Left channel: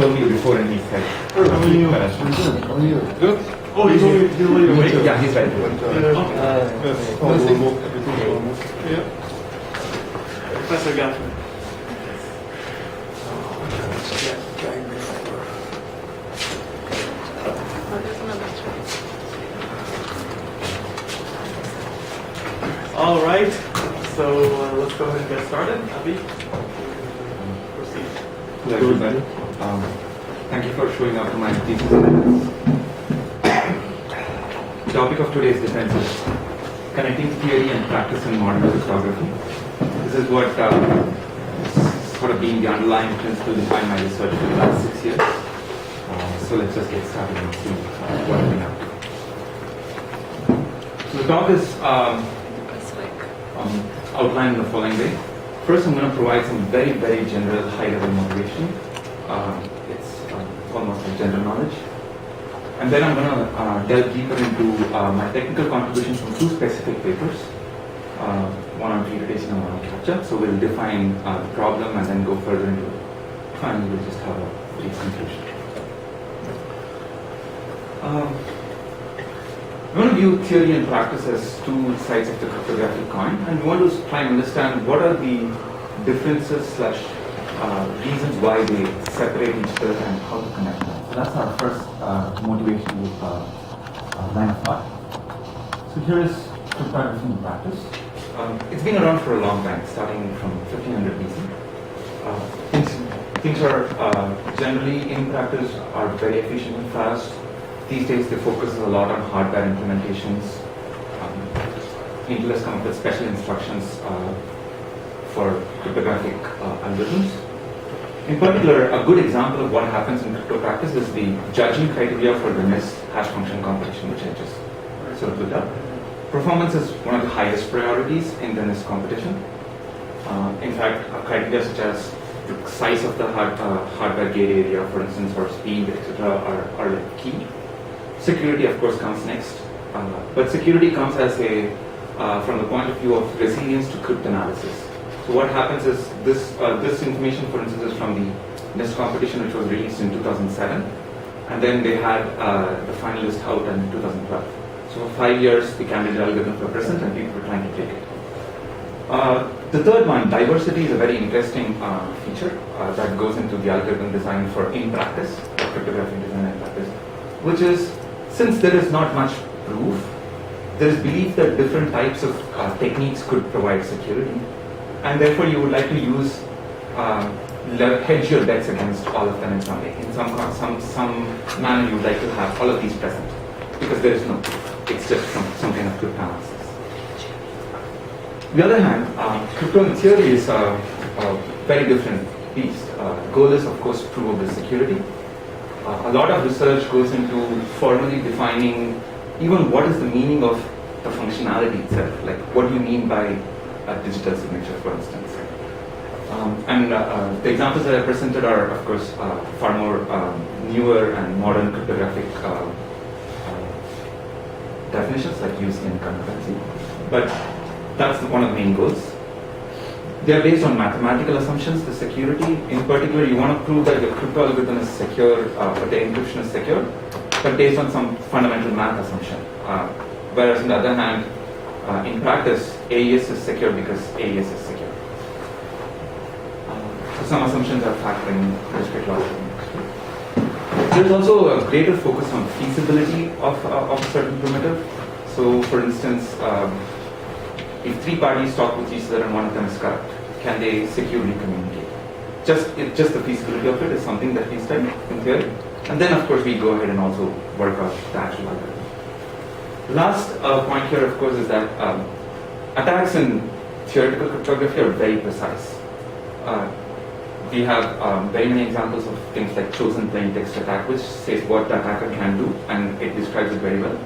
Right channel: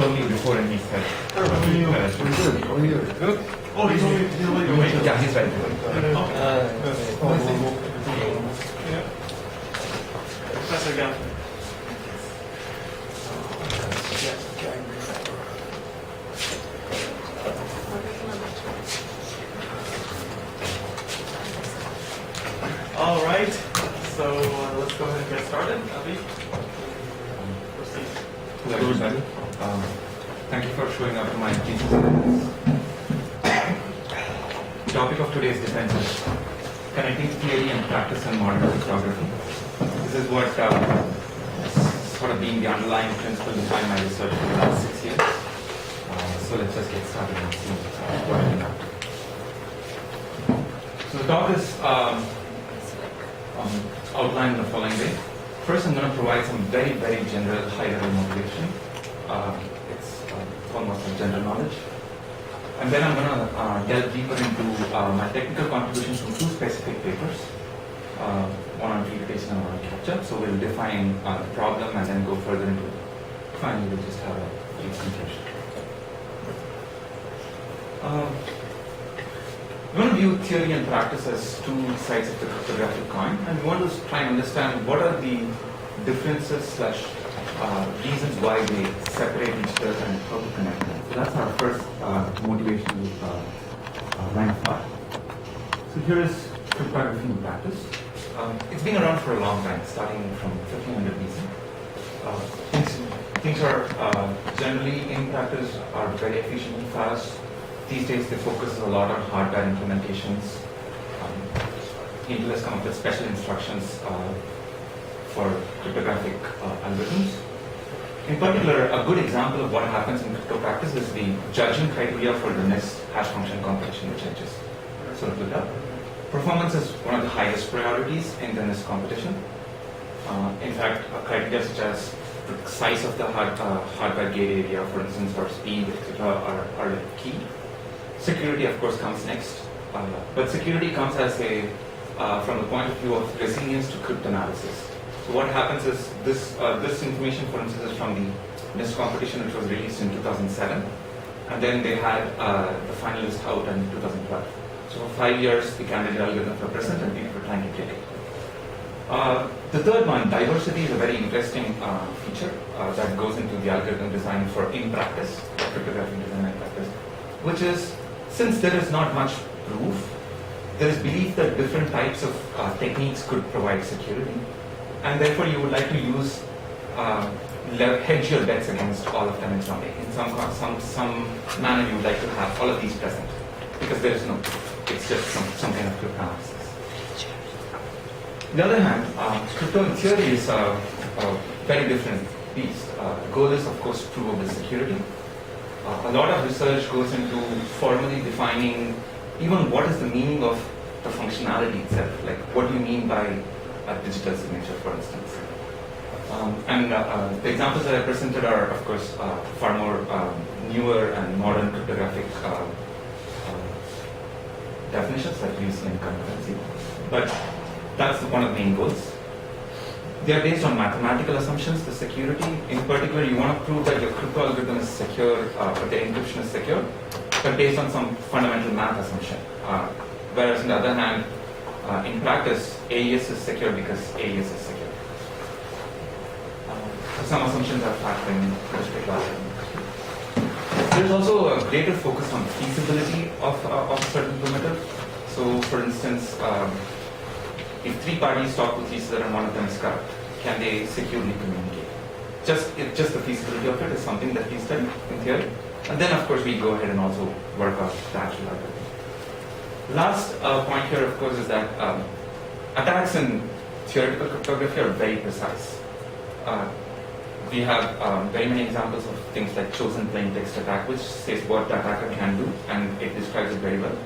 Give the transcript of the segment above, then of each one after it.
told me before and he said, I'm good. How are you? good. Oh, you told me you're late awake? Yeah, he's ready to go. Yeah. Professor Gaffney. All right, so let's go ahead and get started. Abhi, proceed. Hello everybody. Thank you for showing up to my thesis assignments. The topic of today's defense is connecting theory and practice in modern cryptography. This is what sort of been the underlying principle behind my research for the last 6 years. So let's just get started and see what I've been up to. So the talk is outlined in the following way. First, I'm going to provide some very, very general, high-level motivation. It's almost like general knowledge. And then I'm going to delve deeper into my technical contributions from 2 specific papers, one on reputation and one on capture. So we'll define the problem and then go further into it. Finally, we'll just have a brief conclusion. We want to view theory and practice as 2 sides of the cryptographic coin, and we want to try and understand what are the differences / reasons why they separate each other and how to connect them. So that's our first motivation line of thought. So here is cryptography in practice. It's been around for a long time, starting from 1500 BC. Things are generally in practice are very efficient and fast. These days, they focus a lot on hardware implementations. Intel has come up with special instructions for cryptographic algorithms. In particular, a good example of what happens in crypto practice is the judging criteria for the NIST hash function competition, which I just sort of looked up. Performance is one of the highest priorities in the NIST competition. In fact, criteria such as the size of the hardware gate area, for instance, or speed, etc., are like key. Security, of course, comes next, but security comes as a from the point of view of resilience to cryptanalysis. So what happens is this information, for instance, is from the NIST competition, which was released in 2007, and then they had the finalist out in 2012. So for 5 years, the candidate algorithms were present, and people were trying to take it. The third one, diversity, is a very interesting feature that goes into the algorithm design for in practice, cryptographic design in practice, which is, since there is not much proof, there is belief that different types of techniques could provide security, and therefore you would like to use hedge your bets against all of them in some way. In some manner, you would like to have all of these present, because there is no proof. It's just some kind of cryptanalysis. On the other hand, crypto in theory is a very different beast. The goal is, of course, provable security. A lot of research goes into formally defining even what is the meaning of the functionality itself. Like, what do you mean by a digital signature, for instance? The examples that I presented are, of course, far more newer and modern cryptographic definitions, like UC and concurrency. But that's one of the main goals. They are based on mathematical assumptions, the security. In particular, you want to prove that your crypto algorithm is secure, the encryption is secure, but based on some fundamental math assumption. Whereas on the other hand, in practice, AES is secure because AES is secure. So some assumptions are factored in respect to algorithms. There's also a greater focus on feasibility of a certain primitive. So for instance, if 3 parties talk with each other and one of them is corrupt, can they securely communicate? Just the feasibility of it is something that we study in theory. And then, of course, we go ahead and also work out the actual algorithm. The last point here, of course, is that attacks in theoretical cryptography are very precise. We have very many examples of things like chosen plain text attack, which says what the attacker can do, and it describes it very well.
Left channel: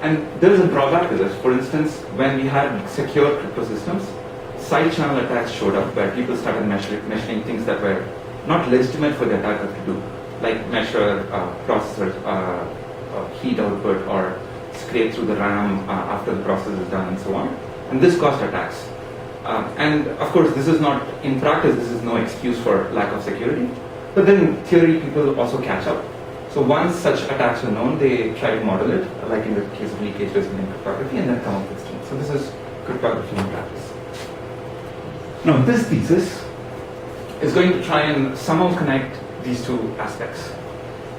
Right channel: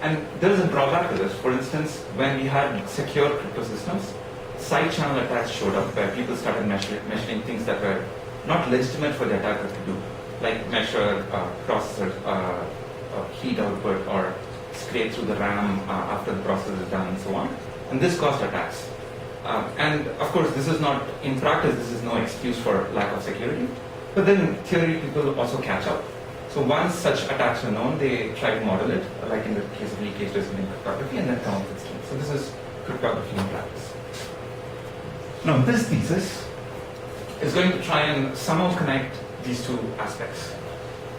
And there is a drawback to this. For instance, when we had secure crypto systems, side channel attacks showed up where people started measuring things that were not legitimate for the attacker to do, like measure processor heat output or scrape through the RAM after the process is done and so on. And this caused attacks. And of course, this is not, in practice, this is no excuse for lack of security. But then in theory, people also catch up. So once such attacks are known, they try to model it, like in the case of leakage resilient cryptography, and then come up with schemes. So this is cryptography in practice. Now this thesis is going to try and somehow connect these two aspects,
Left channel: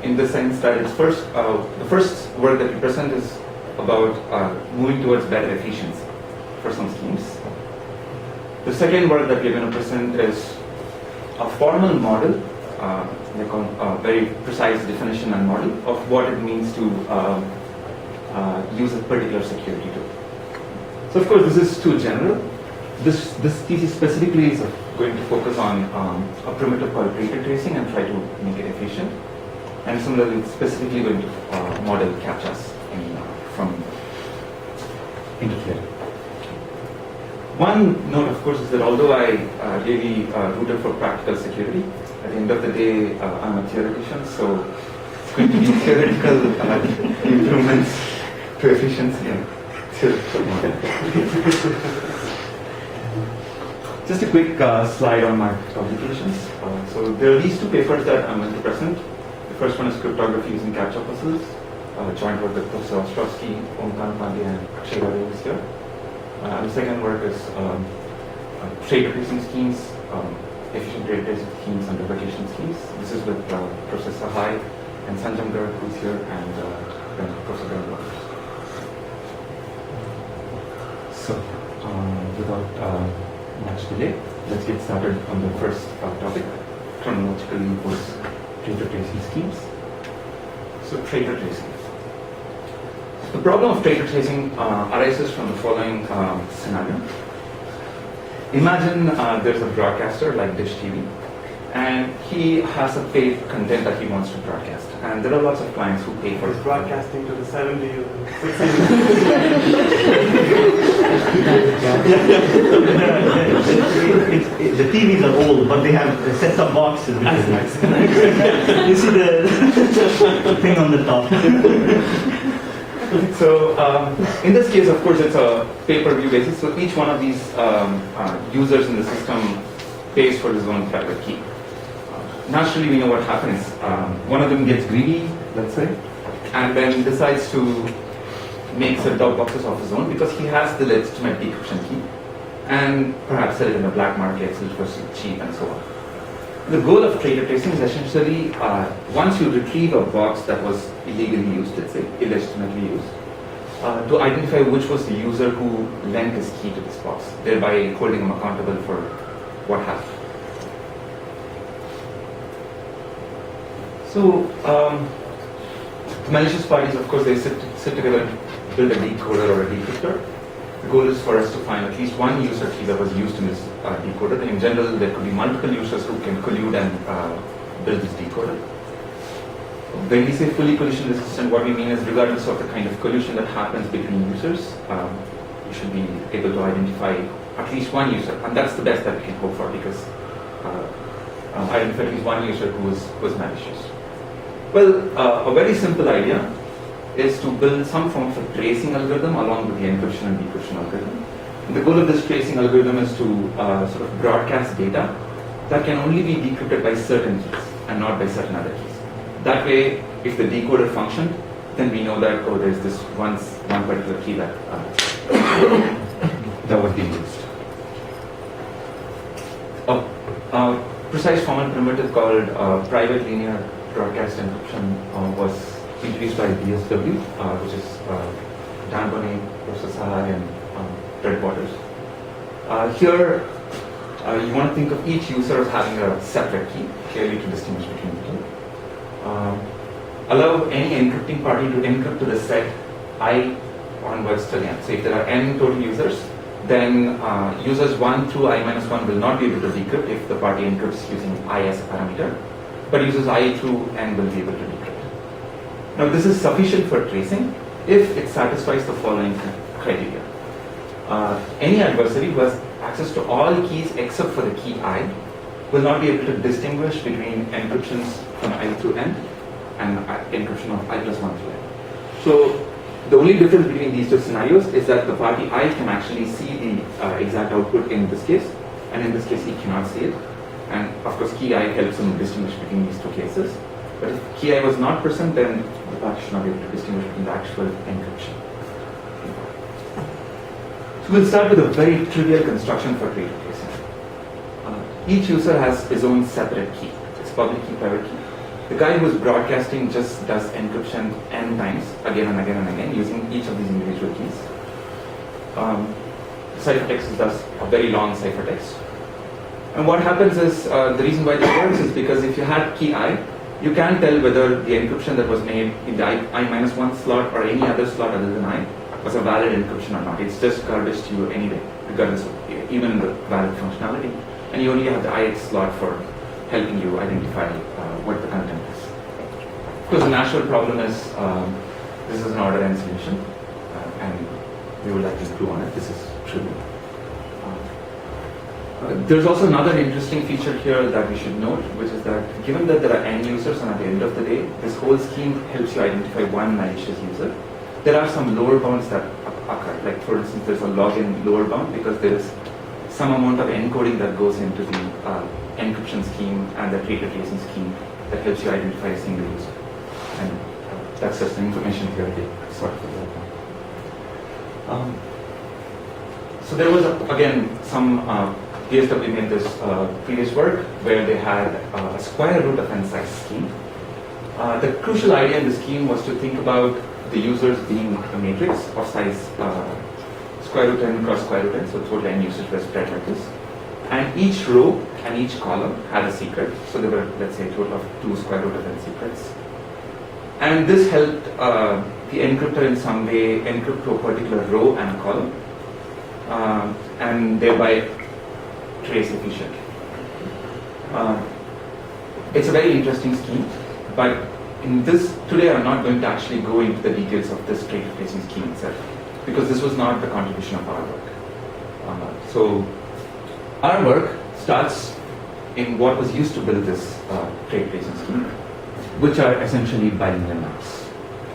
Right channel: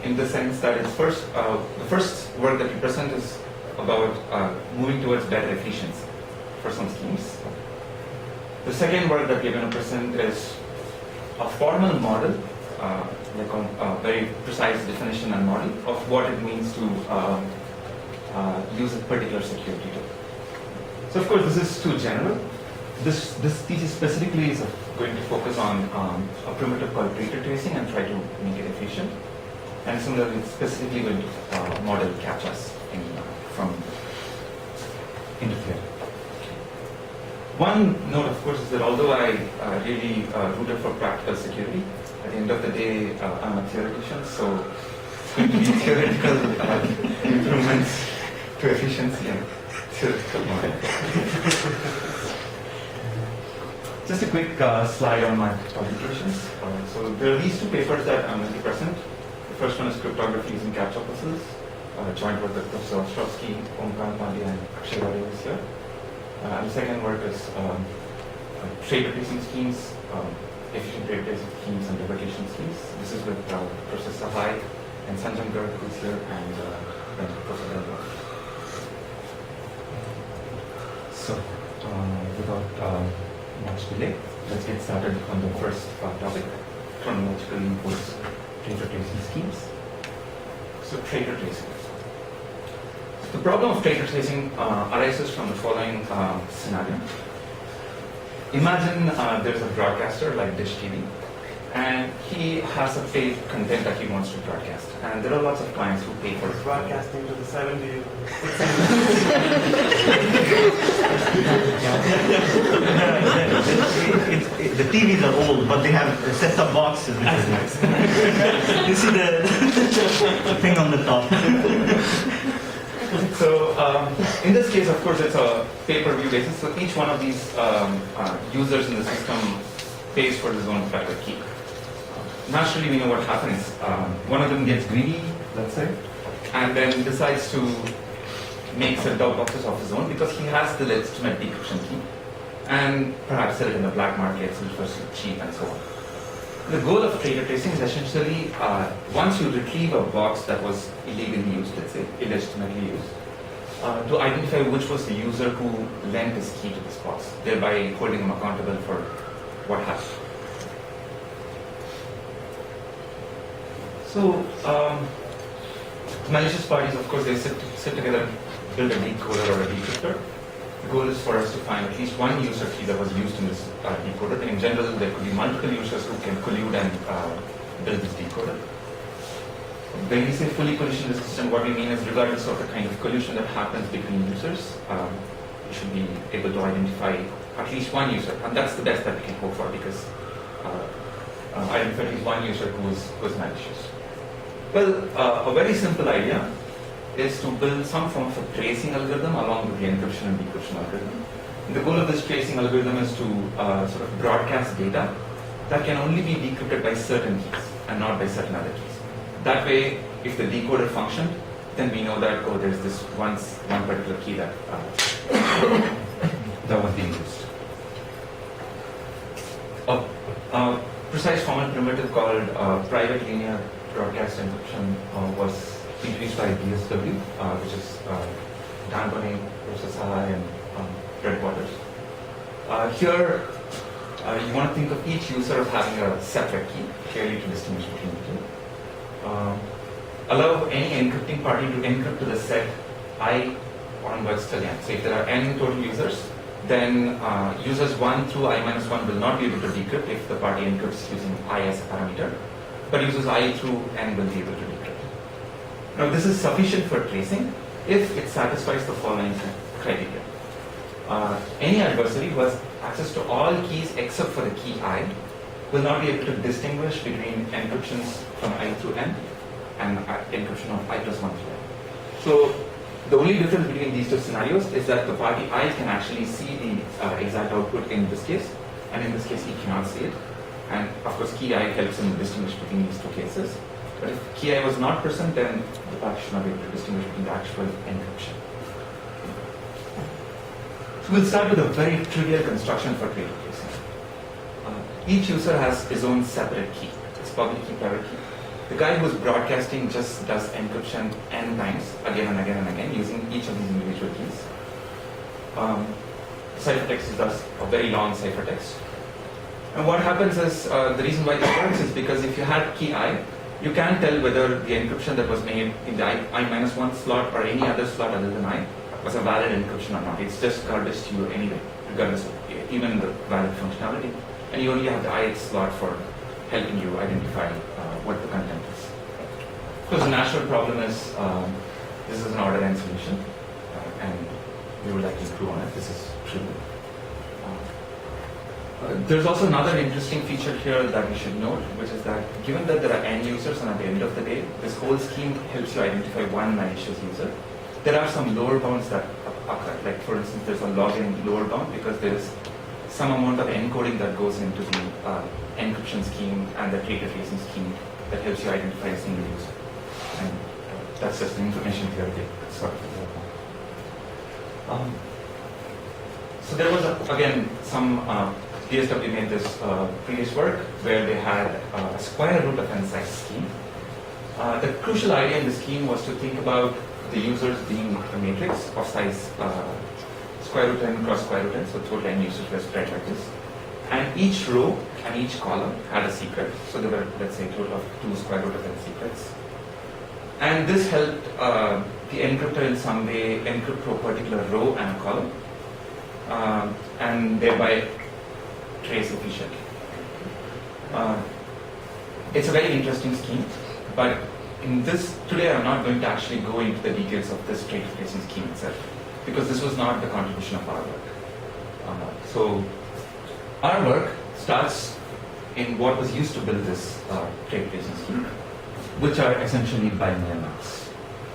in the sense that it's the first work that we present is about moving towards better efficiency for some schemes. The second work that we're going to present is a formal model, a very precise definition and model of what it means to use a particular security tool. So of course this is too general. This thesis specifically is going to focus on a primitive called traitor tracing and try to make it efficient. And similarly, it's specifically going to model CAPTCHAs from interference. One note, of course, is that although I really rooted for practical security, at the end of the day, I'm a theoretician, so it's going to be theoretical improvements to efficiency and theoretical model. Just a quick slide on my publications. So there are these two papers that I'm going to present. The first one is cryptography using CAPTCHA puzzles, joint work with Professor Ostrovsky, Omkar Pandey, and Akshay Gadu is here. And the second work is traitor tracing schemes, efficient traitor tracing schemes, and replication schemes. This is with Professor Sahai and Sanjam Garg, who's here, and Professor Denver. So, without much delay, let's get started on the first topic, chronologically was traitor tracing schemes. So traitor tracing. The problem of traitor tracing arises from the following scenario. Imagine there's a broadcaster like Dish TV, and he has a paid content that he wants to broadcast. And there are lots of clients who pay for it. Broadcasting to the 70s, 60s. The TVs are old, but they have set-top boxes. You see the thing on the top. So in this case, of course, it's a pay-per-view basis. So each one of these users in the system pays for his own private key. Naturally, we know what happens. One of them gets greedy, let's say, and then decides to make set-top boxes of his own because he has the legitimate decryption key, and perhaps sell it in the black market, sell it for cheap, and so on. The goal of traitor tracing is essentially, once you retrieve a box that was illegally used, let's say, illegitimately used, to identify which was the user who lent his key to this box, thereby holding him accountable for what happened. So, the malicious parties, of course, they sit together and build a decoder or a decryptor. The goal is for us to find at least one user key that was used in this decoder. In general, there could be multiple users who can collude and build this decoder. When we say fully collision resistant, what we mean is regardless of the kind of collusion that happens between users, you should be able to identify at least one user. And that's the best that we can hope for, because identify at least one user who was malicious. Well, a very simple idea is to build some form of a tracing algorithm along with the encryption and decryption algorithm. And the goal of this tracing algorithm is to sort of broadcast data that can only be decrypted by certain keys and not by certain other keys. That way, if the decoder functioned, then we know that, oh, there's this one particular key that that was being used. A precise formal primitive called private linear broadcast encryption was introduced by BSW, which is Dan Bonnet, Professor Sahai, and Fred Waters. Here, you want to think of each user as having a separate key, clearly to distinguish between the two. Allow any encrypting party to encrypt to the set I onwards till n. So if there are n total users, then users 1 through I minus 1 will not be able to decrypt if the party encrypts using I as a parameter, but users I through n will be able to decrypt. Now this is sufficient for tracing if it satisfies the following criteria. Any adversary who has access to all keys except for the key I will not be able to distinguish between encryptions from I through n and encryption of I plus 1 through n. So the only difference between these two scenarios is that the party I can actually see the exact output in this case, and in this case he cannot see it. And of course, key I helps him distinguish between these two cases. But if key I was not present, then the party should not be able to distinguish between the actual encryption. So we'll start with a very trivial construction for traitor tracing. Each user has his own separate key. It's public key, private key. The guy who's broadcasting just does encryption n times, again and again and again, using each of these individual keys. The ciphertext does a very long ciphertext. And what happens is, the reason why this works is because if you had key I, you can't tell whether the encryption that was made in the I-1 slot or any other slot other than I was a valid encryption or not. It's just garbage to you anyway, regardless of even the valid functionality. And you only have the IX slot for helping you identify what the content is. Because the natural problem is this is an order n solution, and we would like to improve on it. This is true. There's also another interesting feature here that we should note, which is that given that there are n users and at the end of the day, this whole scheme helps you identify one malicious user, there are some lower bounds that occur. Like for instance, there's a login lower bound because there is some amount of encoding that goes into the encryption scheme and the traitor tracing scheme that helps you identify a single user. And that's just the information theoretic sort of development. So there was, again, some PSW made this previous work where they had a square root of n size scheme. The crucial idea in the scheme was to think about the users being a matrix of size square root n cross square root n, so total n users were spread like this. And each row and each column had a secret. So there were, let's say, a total of 2 square root of n secrets. And this helped the encryptor in some way encrypt to a particular row and a column, and thereby trace efficiently. It's a very interesting scheme, but in this, today I'm not going to actually go into the details of this traitor tracing scheme itself, because this was not the contribution of our work. So our work starts in what was used to build this traitor tracing scheme, which are essentially bilinear maps.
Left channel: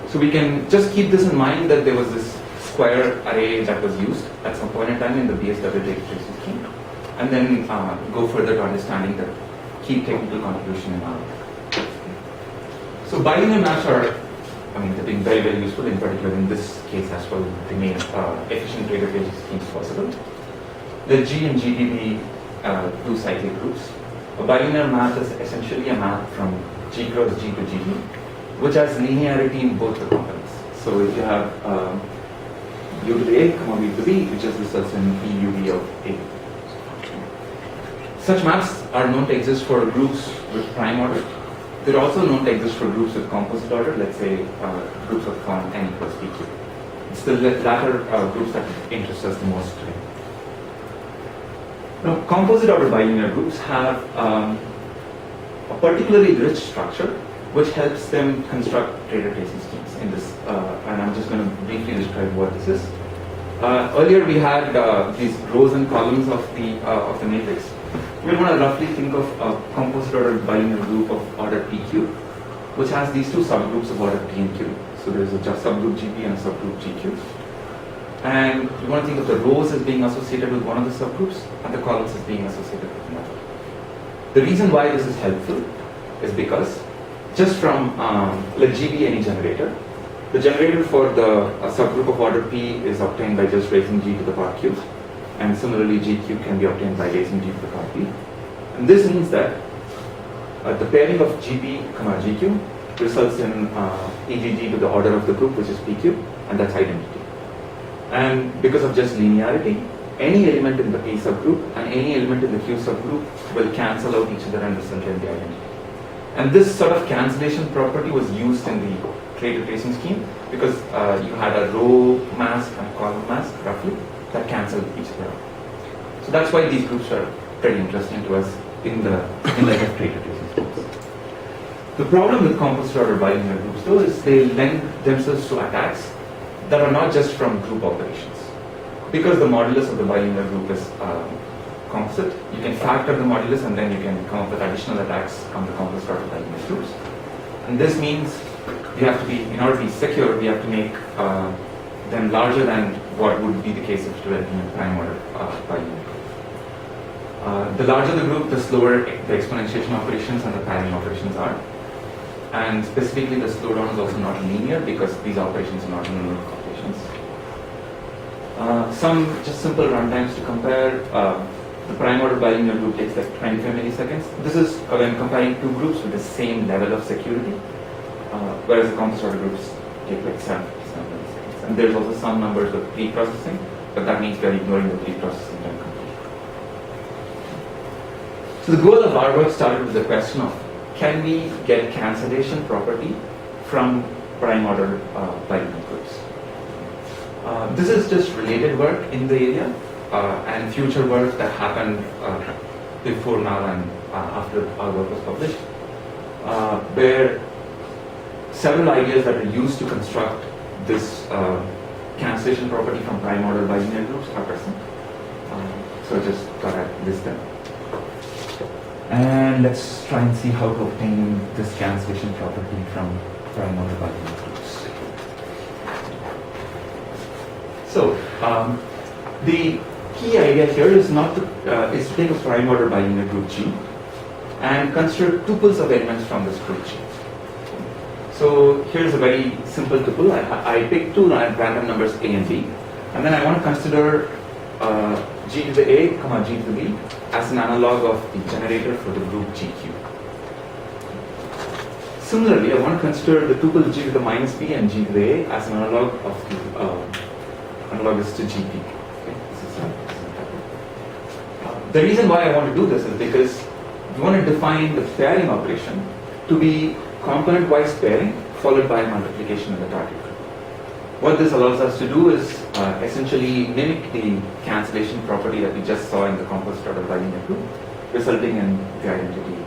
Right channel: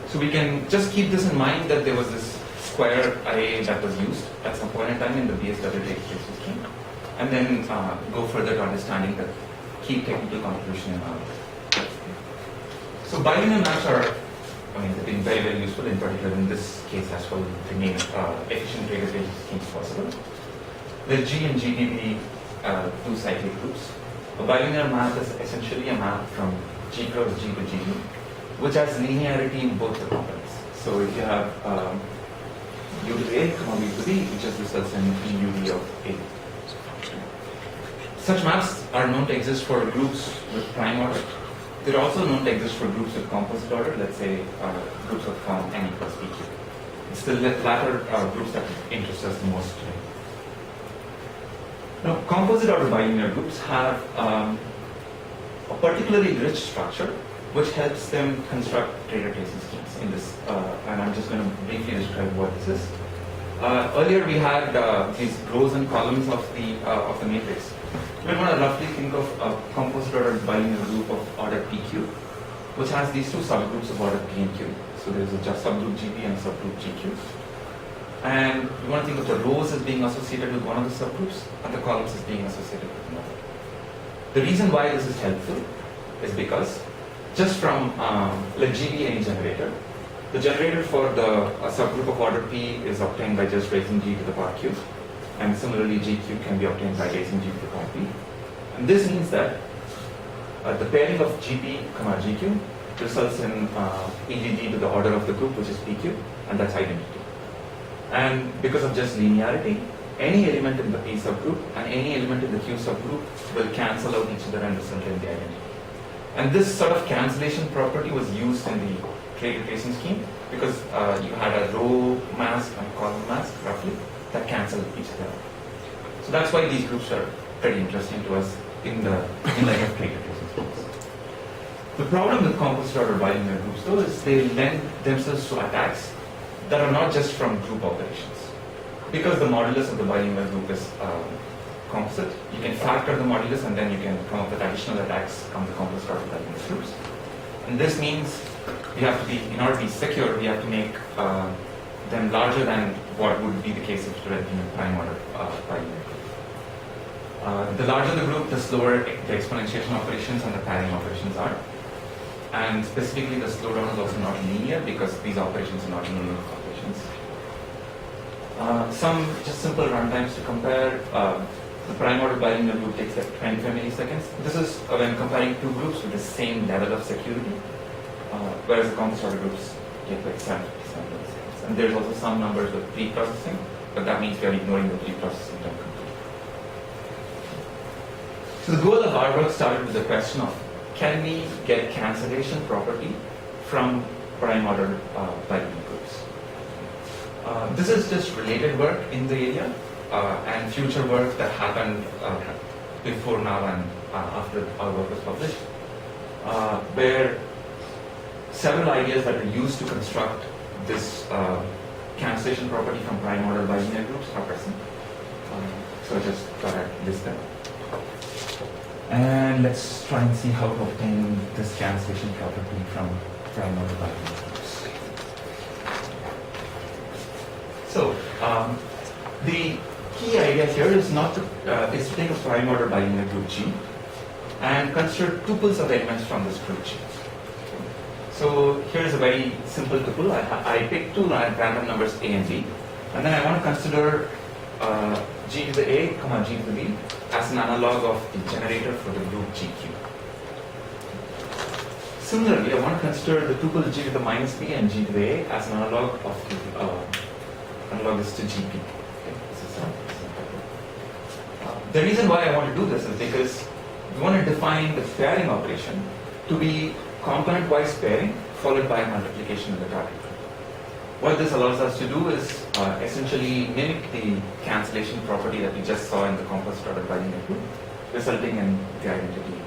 So we can just keep this in mind that there was this square array that was used at some point in time in the BSW traitor tracing scheme, and then go further to understanding the key technical contribution in our work. So bilinear maps are, they've been very, very useful, in particular in this case as well. They made efficient traitor tracing schemes possible. The G and GDB two cyclic groups. A bilinear map is essentially a map from G cross G to GD, which has linearity in both the components. So if you have U to the A, comma B to B, it just results in EUD of A. Such maps are known to exist for groups with prime order. They're also known to exist for groups with composite order, let's say groups of form n equals PQ. It's the latter groups that interest us the most today. Now, composite order bilinear groups have a particularly rich structure which helps them construct traitor tracing schemes in this, and I'm just going to briefly describe what this is. Earlier we had these rows and columns of the matrix. We want to roughly think of a composite order bilinear group of order PQ, which has these two subgroups of order P and Q. So there is a subgroup GP and a subgroup GQ. And we want to think of the rows as being associated with one of the subgroups and the columns as being associated with another. The reason why this is helpful is because just from let G be any generator, the generator for the subgroup of order P is obtained by just raising G to the power Q. And similarly, GQ can be obtained by raising G to the power P. And this means that the pairing of GP, GQ results in EGG to the order of the group, which is PQ, and that's identity. And because of just linearity, any element in the P subgroup and any element in the Q subgroup will cancel out each other and result in the identity. And this sort of cancellation property was used in the traitor tracing scheme because you had a row mask and a column mask, roughly, that cancel each other out. So that's why these groups are pretty interesting to us in light of traitor tracing schemes. The problem with composite order bilinear groups, though, is they lend themselves to attacks that are not just from group operations. Because the modulus of the bilinear group is composite, you can factor the modulus and then you can come up with additional attacks on the composite order bilinear groups. And this means you have to be, in order to be secure, we have to make them larger than what would be the case if it were being a prime order bilinear The larger the group, the slower the exponentiation operations and the pairing operations are. And specifically, the slowdown is also not linear because these operations are not linear operations. Some just simple runtimes to compare. The prime order bilinear group takes like 25 milliseconds. This is when comparing two groups with the same level of security, whereas the composite order groups take like 757 milliseconds. And there's also some numbers with pre-processing, but that means we are ignoring the pre-processing time completely. So the goal of our work started with the question of, can we get cancellation property from prime order bilinear groups? This is just related work in the area and future work that happened before now and after our work was published, where several ideas that are used to construct this cancellation property from prime order bilinear groups are present. So just thought I'd list them. And let's try and see how to obtain this cancellation property from prime order bilinear groups. So the key idea here is not to take a prime order bilinear group G and consider tuples of elements from this group G. So here's a very simple tuple. I pick two random numbers A and B, and then I want to consider G to the A, comma G to the B as an analog of the generator for the group GQ. Similarly, I want to consider the tuple G to the minus B and G to the A as an analog of the analogous to GP. Okay, the reason why I want to do this is because we want to define the pairing operation to be component-wise pairing followed by multiplication in the target group. What this allows us to do is essentially mimic the cancellation property that we just saw in the composite order bilinear group, resulting in the identity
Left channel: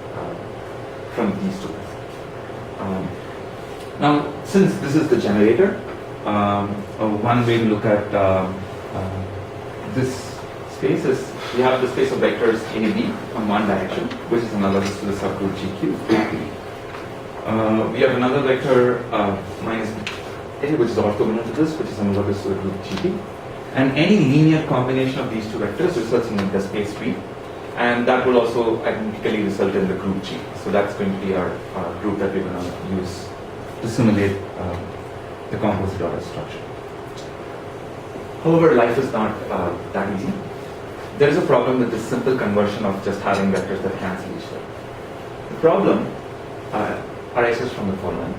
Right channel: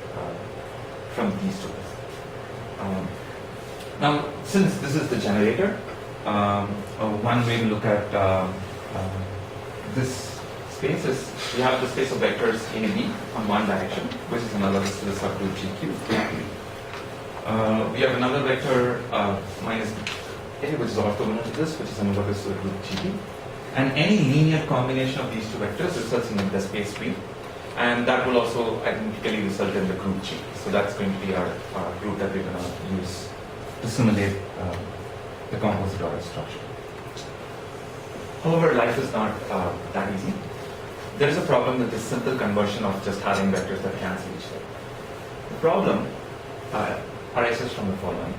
from these two. Now, since this is the generator, one way to look at this space is we have the space of vectors A, B on one direction, which is analogous to the subgroup GQ. We have another vector minus A, which is orthogonal to this, which is analogous to the group GP. And any linear combination of these two vectors results in the space B. And that will also identically result in the group G. So that's going to be our group that we're going to use to simulate the composite order structure. However, life is not that easy. There is a problem with this simple conversion of just having vectors that cancel each other. The problem arises from the following.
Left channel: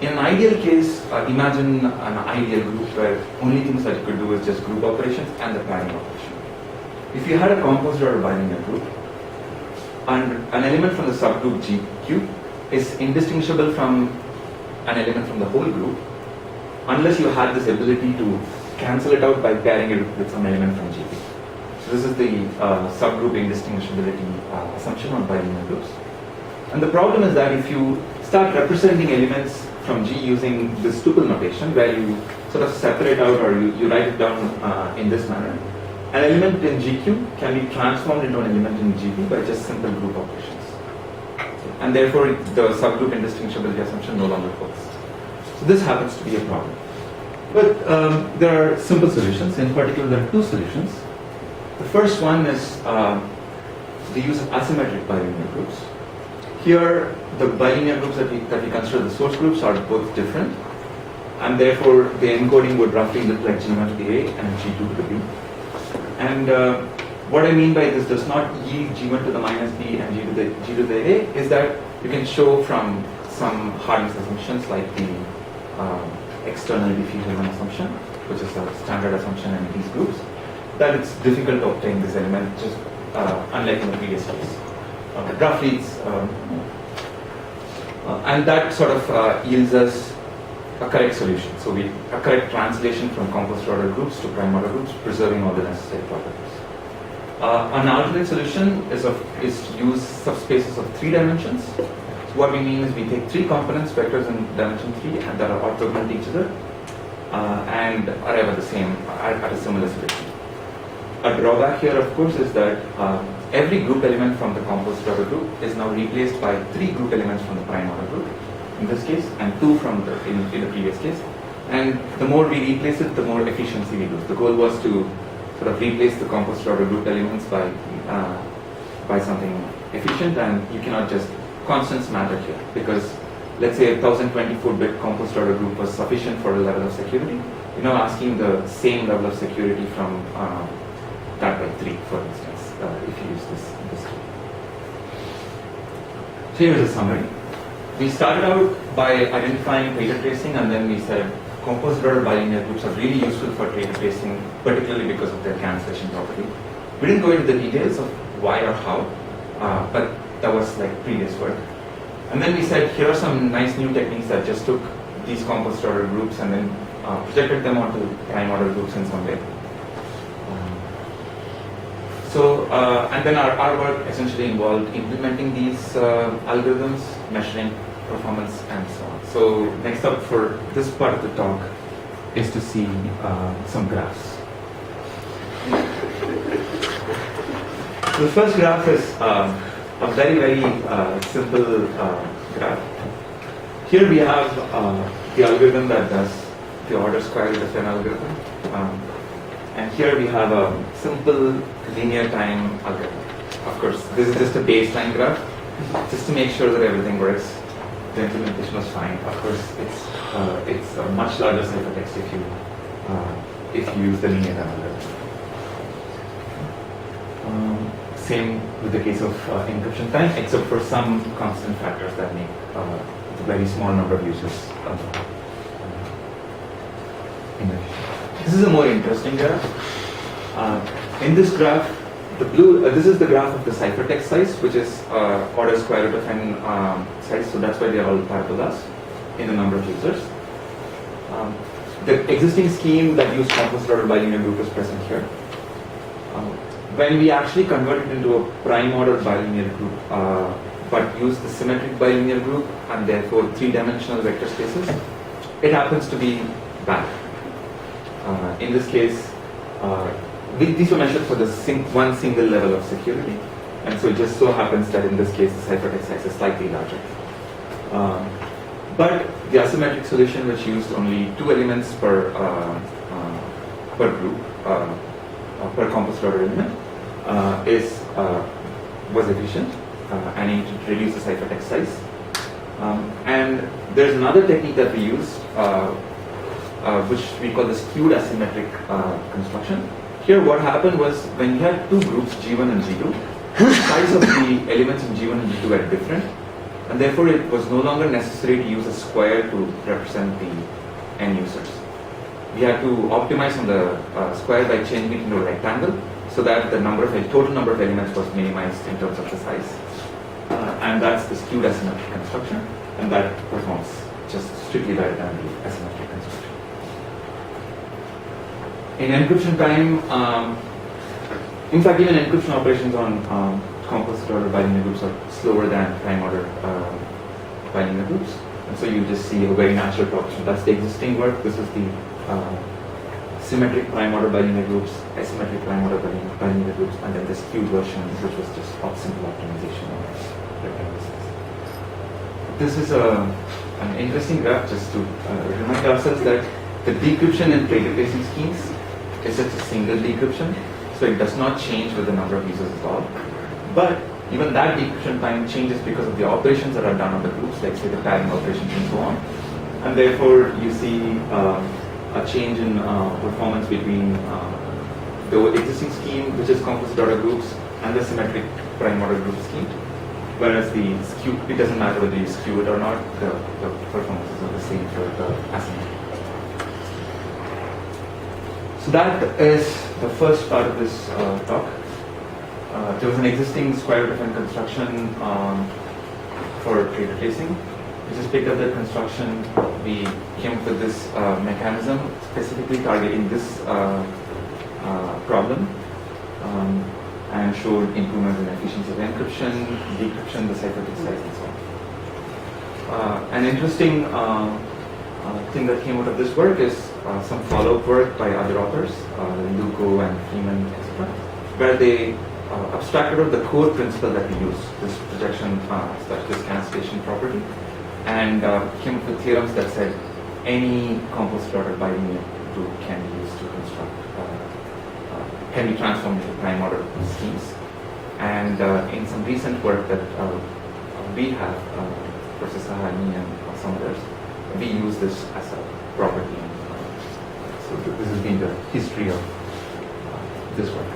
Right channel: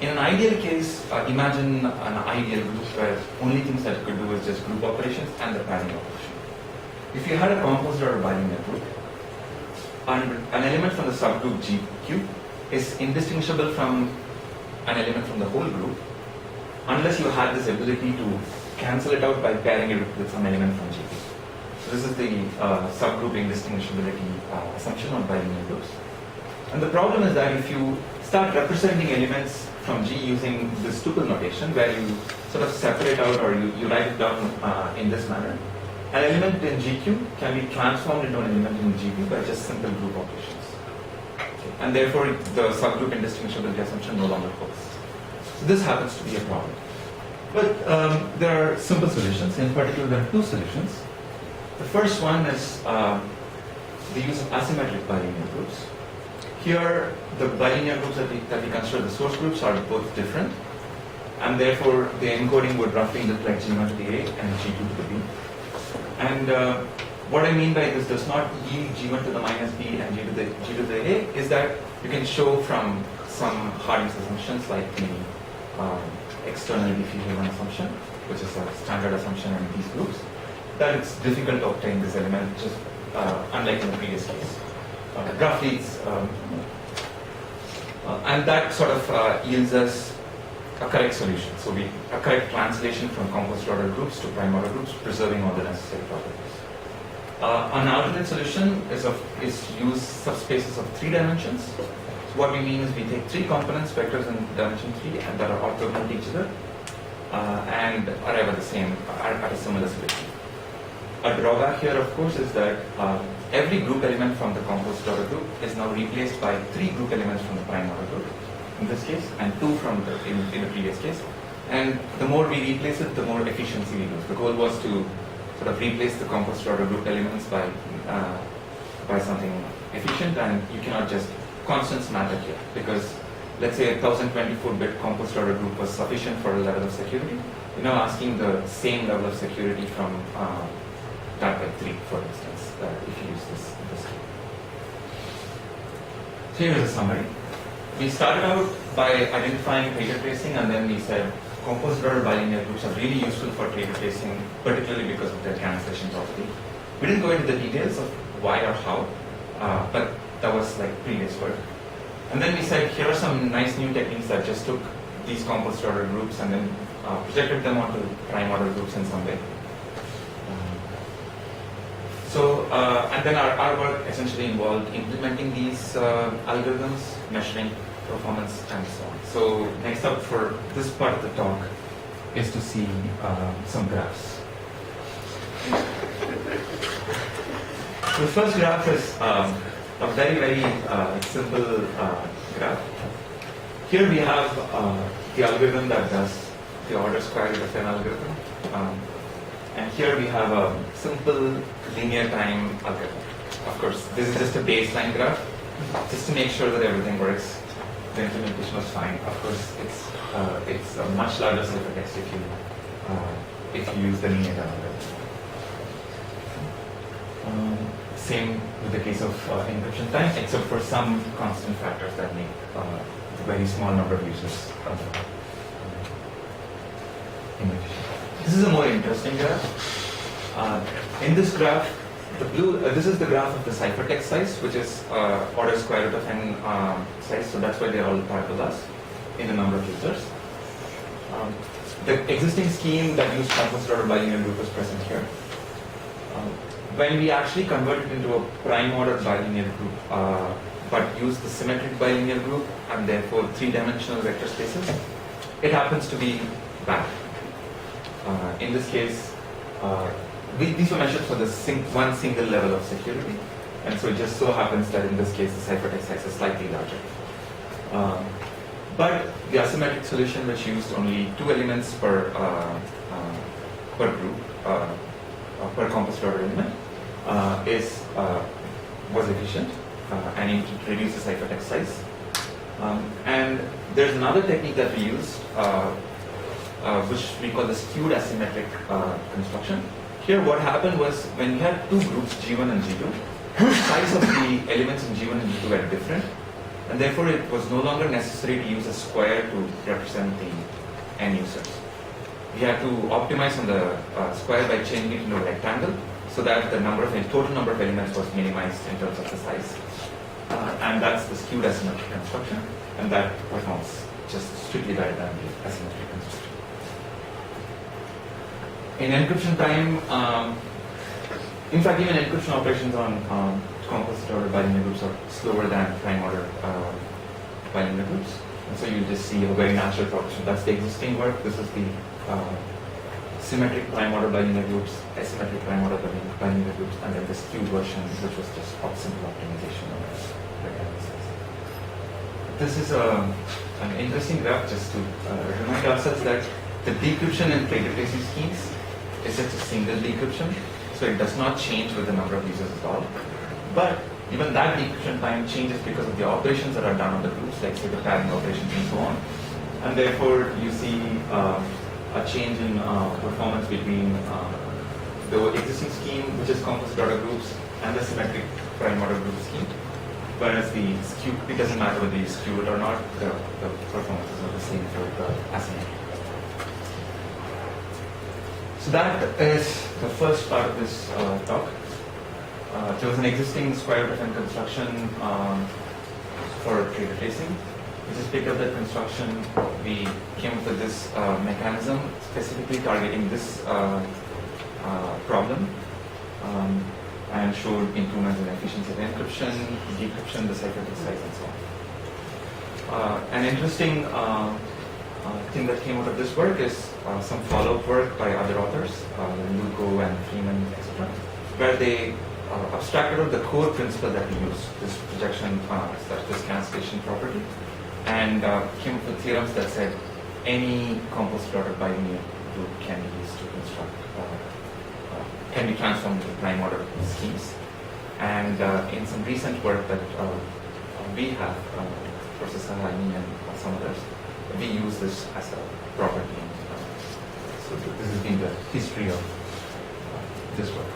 In an ideal case, imagine an ideal group where only things that you could do is just group operations and the pairing operation. If you had a composite order bilinear group, and an element from the subgroup GQ is indistinguishable from an element from the whole group, unless you had this ability to cancel it out by pairing it with some element from GP. So this is the subgroup indistinguishability assumption on bilinear groups. And the problem is that if you start representing elements from G using this tuple notation, where you sort of separate out or you write it down in this manner, an element in GQ can be transformed into an element in GP by just simple group operations. Okay. And therefore, the subgroup indistinguishability assumption no longer holds. So this happens to be a problem. But there are simple solutions. In particular, there are two solutions. The first one is the use of asymmetric bilinear groups. Here, the bilinear groups that we consider the source groups are both different, and therefore the encoding would roughly look like G1 to the A and G2 to the B. And what I mean by this does not yield G1 to the minus B and G to the A is that you can show from some hardness assumptions like the external diffusion assumption, which is a standard assumption in these groups, that it's difficult to obtain this element, just unlike in the previous case. Roughly, it's, and that sort of yields us a correct solution. So a correct translation from composite order groups to prime order groups, preserving all the necessary properties. An alternate solution is use subspaces of 3 dimensions. So what we mean is we take 3 components, vectors in dimension 3, and that are orthogonal to each other, and arrive at a similar solution. A drawback here, of course, is that every group element from the composite order group is now replaced by 3 group elements from the prime order group, in this case, and 2 from in the previous case. And the more we replace it, the more efficiency we lose. The goal was to sort of replace the composite order group elements by by something efficient, and you cannot just constants matter here, because let's say a 1024-bit composite order group was sufficient for a level of security. You're now asking the same level of security from that by 3, for instance, if you use this tool. So here's a summary. We started out by identifying traitor tracing, and then we said composite order bilinear groups are really useful for traitor tracing, particularly because of their cancellation property. We didn't go into the details of why or how, but that was like previous work. And then we said, here are some nice new techniques that just took these composite order groups and then projected them onto prime order groups in some way. And then our work essentially involved implementing these algorithms, measuring performance, and so on. So next up for this part of the talk is to see some graphs. So the first graph is a very, very simple graph. Here we have the algorithm that does the order square root of an algorithm. And here we have a simple linear time algorithm. Of course, this is just a baseline graph, just to make sure that everything works. The implementation was fine. Of course, it's a much larger ciphertext if you use the linear time algorithm. Same with the case of encryption time, except for some constant factors that make a very small number of users inefficient. This is a more interesting graph. In this graph, the blue, this is the graph of the ciphertext size, which is order square root of n size, so that's why they're all parabolas in the number of users. The existing scheme that used composite order bilinear group is present here. When we actually convert it into a prime order bilinear group, but use the symmetric bilinear group and therefore 3-dimensional vector spaces, it happens to be bad. In this case, these were measured for the one single level of security, and so it just so happens that in this case the ciphertext size is slightly larger. But the asymmetric solution, which used only 2 elements per group, per composite order element, was efficient, and it reduced the ciphertext size. And there's another technique that we used, which we call the skewed asymmetric construction. Here what happened was, when we had 2 groups, G1 and G2, the size of the elements in G1 and G2 are different, and therefore it was no longer necessary to use a square to represent the n users. We had to optimize on the square by changing it into a rectangle, so that the total number of elements was minimized in terms of the size. And that's the skewed asymmetric construction, and that performs just strictly better than the asymmetric construction. In encryption time, in fact, even encryption operations on composite order bilinear groups are slower than prime order bilinear groups. And so you just see a very natural progression. That's the existing work. This is the symmetric prime order bilinear groups, asymmetric prime order bilinear groups, and then the skewed version, which was just simple optimization of rectangle size. This is an interesting graph just to remind ourselves that the decryption in traitor tracing schemes is just a single decryption, so it does not change with the number of users at all. But even that decryption time changes because of the operations that are done on the groups, like say the pairing operations and so on. And therefore, you see a change in performance between the existing scheme, which is composite order groups, and the symmetric prime order group scheme. Whereas the skew, it doesn't matter whether you skew it or not, the performances are the same for the asymmetric. So that is the first part of this talk. There was an existing square root of n construction for traitor tracing. We just picked up that construction. We came up with this mechanism specifically targeting this problem, and showed improvements in efficiency of encryption, decryption, the ciphertext size, and so on. An interesting thing that came out of this work is some follow-up work by other authors, Lugo and Freeman, etc., where they abstracted out the core principle that we use, this projection / this cancellation property, and came up with theorems that said any composite order bilinear group can be used to construct, can be transformed into prime order schemes. And in some recent work that we have, Professor Sahani and some others, we use this as a property. So this has been the history of this work.